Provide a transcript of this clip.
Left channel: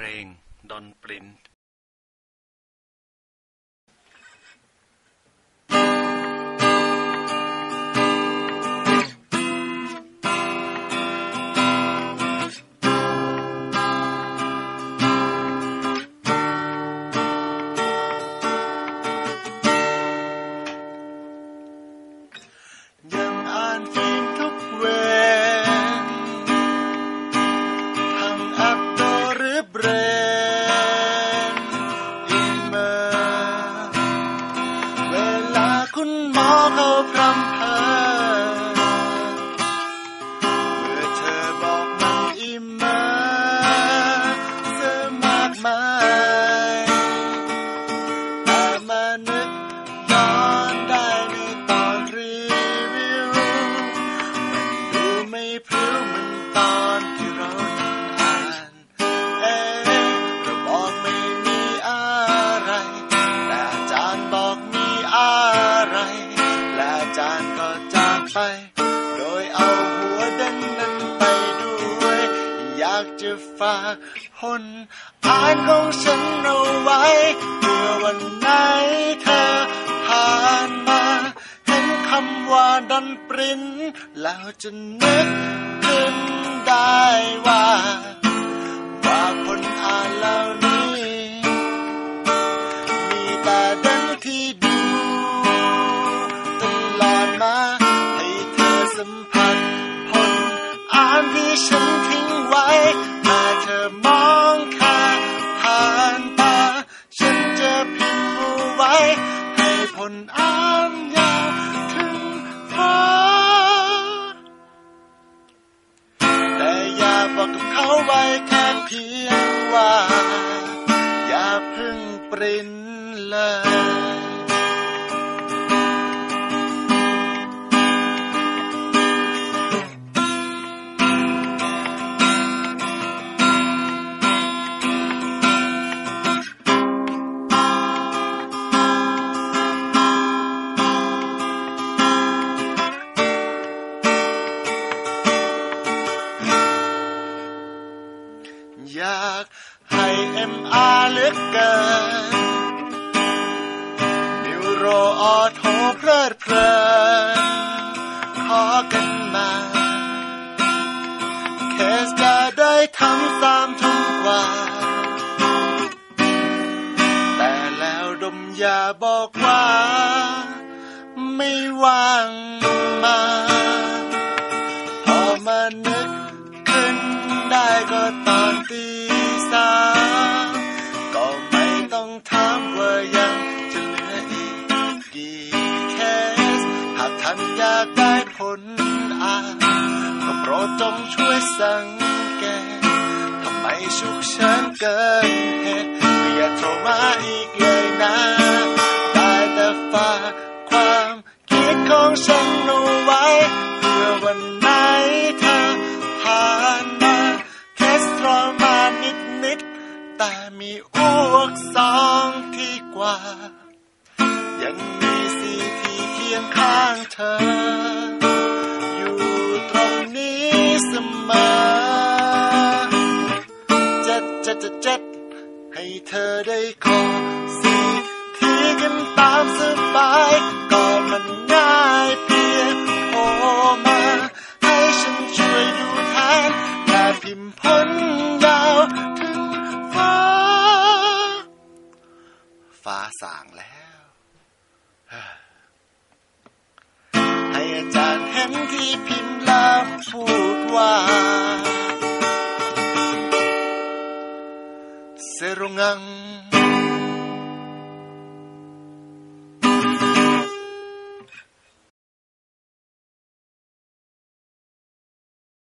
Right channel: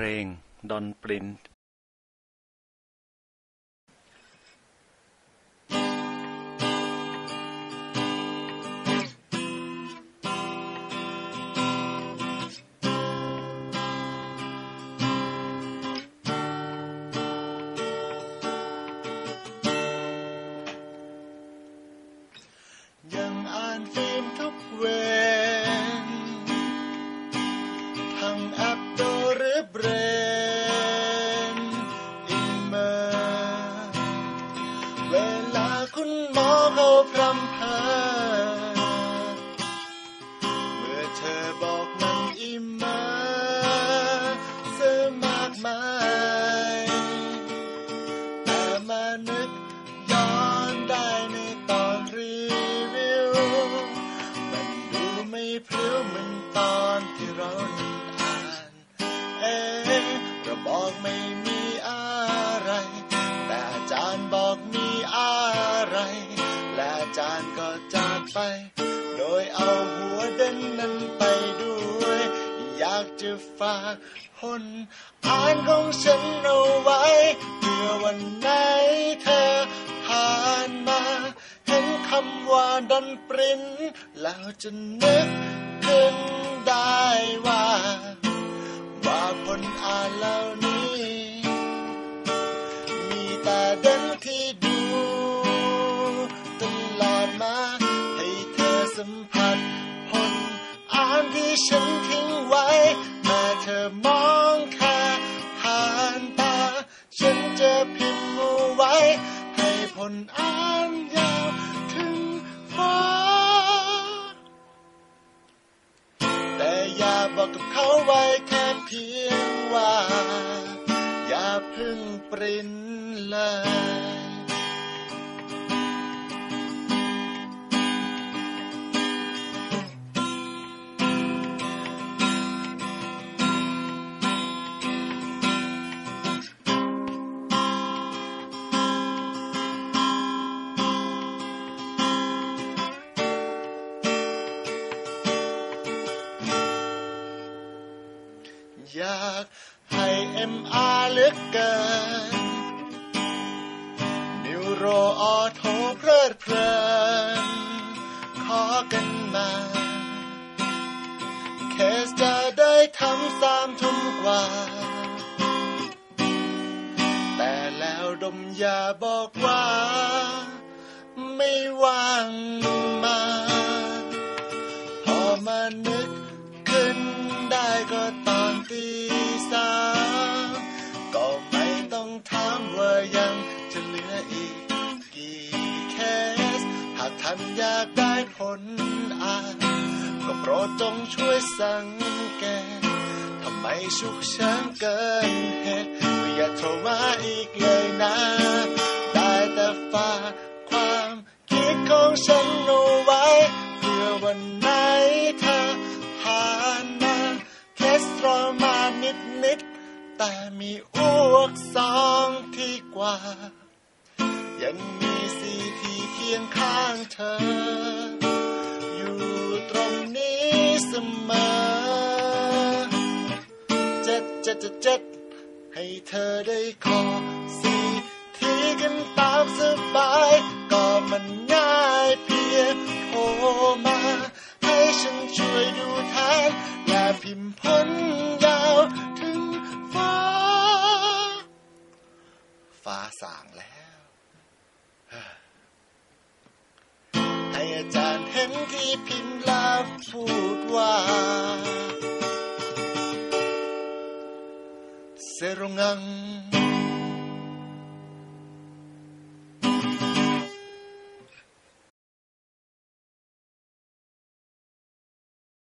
พลงดอนปริน เขาพรำเพอเมื่อเธอบอกมันอีเมลเสียมากมายแต่มานึกย้อนได้ในตอนรีวิว มันดูไม่พริ้วเหมือนตอนที่เรานั่งอ่านเอ๊ะเราบอกไม่มีอะไร แต่อาจารย์บอกมีอะไร จารย์ก็จากไป โดยเอาหัวเด่นนั้นไปด้วย อยากจะฝากผลอ่านของฉันเอาไว้เพื่อวันไหนเธอผ่านมา เห็นคำว่าดันปริ้นแล้วจะนึกขึ้นได้ว่า สัมผัสผลอ่านที่ฉันทิ้งไว้แม้เธอมองแค่ผ่านตา ฉันจะพิมพ์เอาไว้ ให้ผลอ่านยาวถึงฟ้า แต่อย่าบอกกับเขาไว้แค่เพียงว่า อย่าพึ่งปรินเลย อยากให้เอ็มอาร์ลึกเกินนิวโรออโทเพลิดเพลินขอกันมาเคสจะได้ทำสามทุ่มกว่า แต่แล้วดมยาบอกว่า ไม่ว่างมา ตอนตีสามก็ไม่ต้องถามว่ายังจะเหลืออีกกี่เคส หากท่านอยากได้ผลอ่านก็โปรดจงช่วยสังเกตทำไมฉุกเฉินเกินเหตุก็อย่าโทรมาอีกเลยนะ แต่มีอ้วกสองที่กว่า ยังมีสีที่เคียงข้างเธอ อยู่ตรงนี้เสมอเจ็ดเจ็ดเจ็ดเจ็ดให้เธอได้ขอสีที่กันตามสบายก็มันง่าย สางแล้วให้อาจารย์เห็นที่พิมพ์แล้วพูดว่า เซรุงัง